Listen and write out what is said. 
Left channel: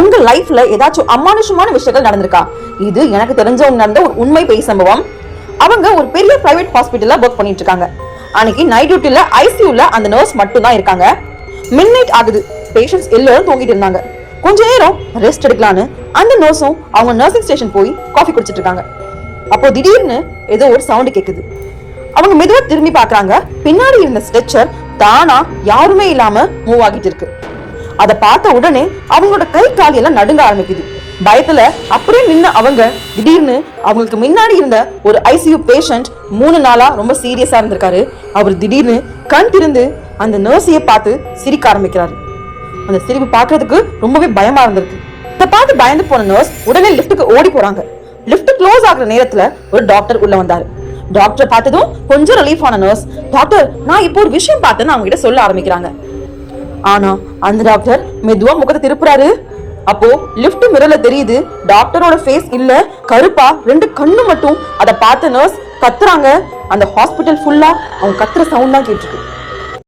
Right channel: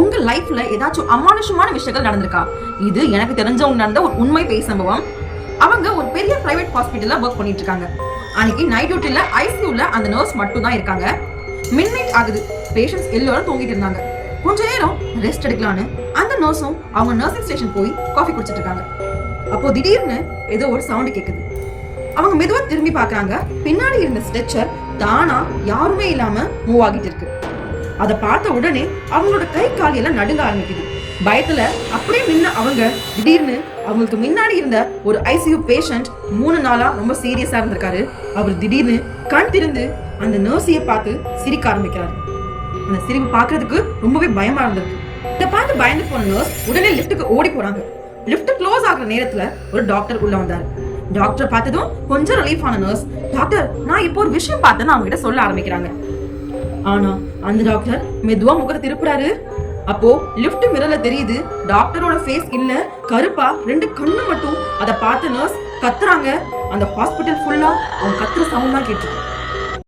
உங்க லைஃப்ல ஏதாச்சும் அமானுஷமான விஷயங்கள் நடந்திருக்கா? இது எனக்கு தெரிஞ்சவங்க நடந்த ஒரு உண்மை பேய் சம்பவம். அவங்க ஒரு பெரிய பிரைவேட் ஹாஸ்பிட்டல்ல ஒர்க் பண்ணிட்டு இருக்காங்க. அன்னைக்கு நைட் டியூட்டில ஐசியூல அந்த நர்ஸ் மட்டும் தான் இருக்காங்க. மிட் நைட் ஆகுது. பேஷண்ட்ஸ் எல்லாரும் தூங்கிட்டு இருந்தாங்க. கொஞ்ச நேரம் ரெஸ்ட் எடுக்கலான்னு அந்த நர்ஸும் அவங்க நர்சிங் ஸ்டேஷன் போய் காஃபி குடிச்சிட்டு இருக்காங்க. அப்போ திடீர்னு ஏதோ ஒரு சவுண்ட் கேக்குது. அவங்க மெதுவா திரும்பி பாக்குறாங்க. பின்னாடி இருந்த ஸ்ட்ரெச்சர் தானா யாருமே இல்லாம மூவ் ஆகிட்டு இருக்கு. அதை பார்த்த உடனே அவங்களோட கை கால் எல்லாம் நடுங்க ஆரம்பிக்குது. பயத்துல அப்படியே நின்ன அவங்க திடீர்னு அவங்களுக்கு முன்னாடி இருந்த ஒரு ஐசியூ பேஷண்ட் 3 நாளா ரொம்ப சீரியஸா இருந்திருக்காரு. அவர் திடீர்னு கண் திறந்து அந்த நர்ஸைய பார்த்து சிரிக்க ஆரம்பிக்கிறாரு. அந்த சிரிப்பு பாக்குறதுக்கு ரொம்பவே பயமா இருந்திருக்கு. இதை பார்த்து பயந்து போன நர்ஸ் உடனே லிப்டுக்கு ஓடி போறாங்க. லிப்ட் க்ளோஸ் ஆகுற நேரத்துல ஒரு டாக்டர் உள்ள வந்தாரு. டாக்டர் பார்த்ததும் கொஞ்சம் ரிலீஃப் ஆன நர்ஸ், டாக்டர் நான் இப்போ ஒரு விஷயம் பார்த்தேன்னு அவங்க கிட்ட சொல்ல ஆரம்பிக்கிறாங்க. ஆனா அந்த டாக்டர் மெதுவா முகத்தை திருப்புறாரு. அப்போ லிஃப்ட் மிரர்ல தெரியுது டாக்டரோட ஃபேஸ் இல்ல, கருப்பா 2 கண்ணு மட்டும். அதை பார்த்த நர்ஸ் கத்துறாங்க. அந்த ஹாஸ்பிட்டல் ஃபுல்லா அவங்க கத்துற சவுண்ட் தான் கேட்டுருக்கு.